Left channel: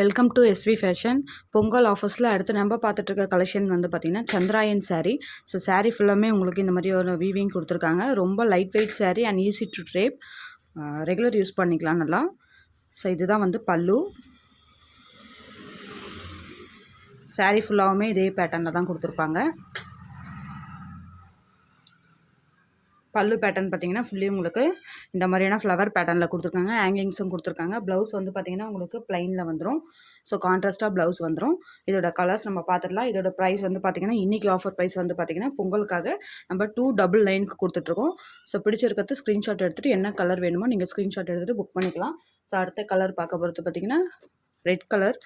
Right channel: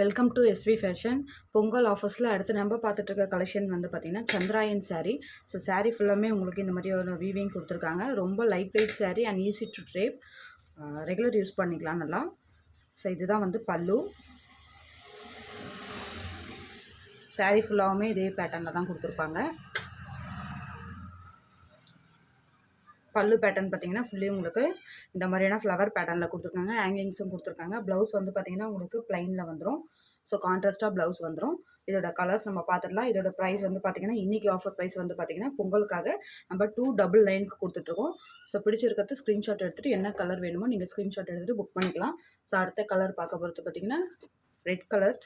Welcome to SV fashion. Pongal ஆஃபர்ஸில் அடுத்து நம்ம பார்த்துட்டு இருக்க கலெக்ஷன் வந்து பார்த்திங்கன்னா சந்திராயன் saree. ஸோ saree ஃபுல்லாமே உங்களுக்கு இந்த மாதிரி ஒரு வீவிங் கொடுத்துருக்காங்க. ரொம்ப light weight saree and easy to drape. Regular use பண்ணிக்கலாம் நல்லா. ஸோ இதுதான் வந்து பல்லு. saree ஃபுல்லாகவுமே இதே பேட்டர்னில் தான் கொடுத்துருப்பாங்க. பல்லு பேட்டர்ன் பார்த்தீங்கன்னா ஃபுல்லி உங்களுக்கு இந்த மாதிரியான ஃப்ளவர் பேட்டர்னில் கொடுத்துருக்காங்க. ஹேங்கிங்ஸும் கொடுத்துருக்காங்க. ப்ளவுஸ் வந்து பார்த்திங்கன்னா உங்களுக்கு ப்ளைனில் வந்துடும். ஸோ கான்ட்ராஸ்ட்டாக ப்ளவுஸ் வந்துடும். இதோட கலர்ஸ் நம்ம பார்த்துடலாம். இதோட ப்ரைஸ் வந்து பார்த்திங்கன்னா இன்றைக்கி ஆஃபர் ப்ரைஸ் வந்து பார்த்திங்கன்னா பொங்கலுக்காக நம்ம 299 கொடுத்துட்ருக்கோம். ஸோ பிடிச்சிருக்கிறது ஸ்க்ரீன்ஷாட் எடுத்துகிட்டு என்ன கலர் வேணுமோ நீங்கள் ஸ்க்ரீன்ஷாட் எடுத்துகிட்டு புக் பண்ணிக்கலாம். ஸோ அடுத்த கலர் பார்க்க போகிறது பார்த்திங்கன்னா ரெட் கலர்,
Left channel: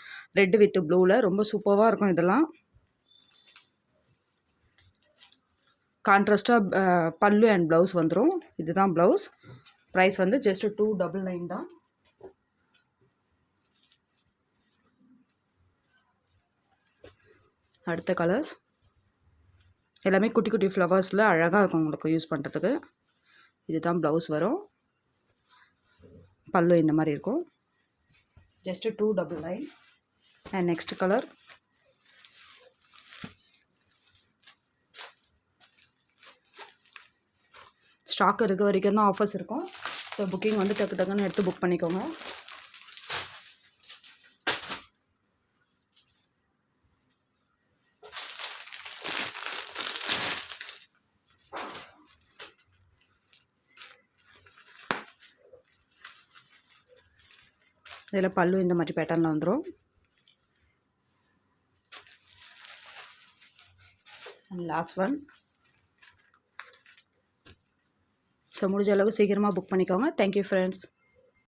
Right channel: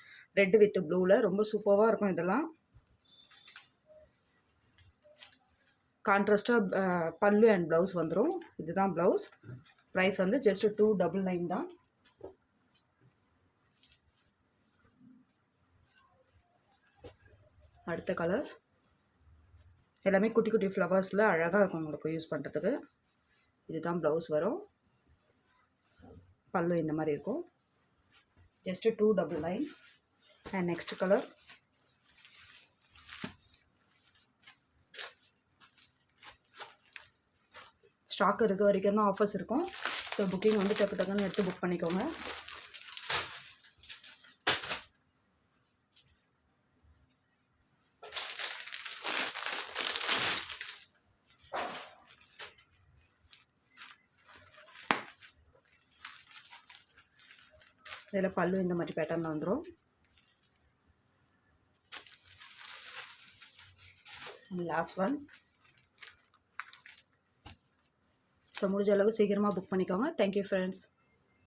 ரெட் வித் ப்ளூவில் ரொம்ப சூப்பராக இருக்கும். இதெல்லாம் கான்ட்ராஸ்ட்டாக பல்லு அண்ட் ப்ளவுஸ் வந்துடும். இதுதான் ப்ளவுஸ். ப்ரைஸ் வந்து ஜஸ்ட் 299 தான். அடுத்த கலர்ஸ் எல்லாமே குட்டி குட்டி ஃப்ளவர்ஸில் அழகாக இருக்கும் உங்களுக்கு யூஸ் பண்ணுறதுக்கு. இதுதான் ப்ளவுஸ் வரும். பல்லு இந்த மாதிரி இருக்கும். Just 299. And next colour stock இருக்க வரைக்கும் தான் ஆஃபர்ஸ் இருக்கும். ஸோ புக்கிங் வந்து டக்கு டக்குன்னு எடுத்து புக் பண்ணிக்கோங்க. இதில் பல்லு இந்த மாதிரி பேட்டர்னில் வந்துடும். Last one. ஸோ முடிஞ்ச அளவுக்கு சீக்கிரமாக புக் பண்ணிக்கோங்க. Thank you friends.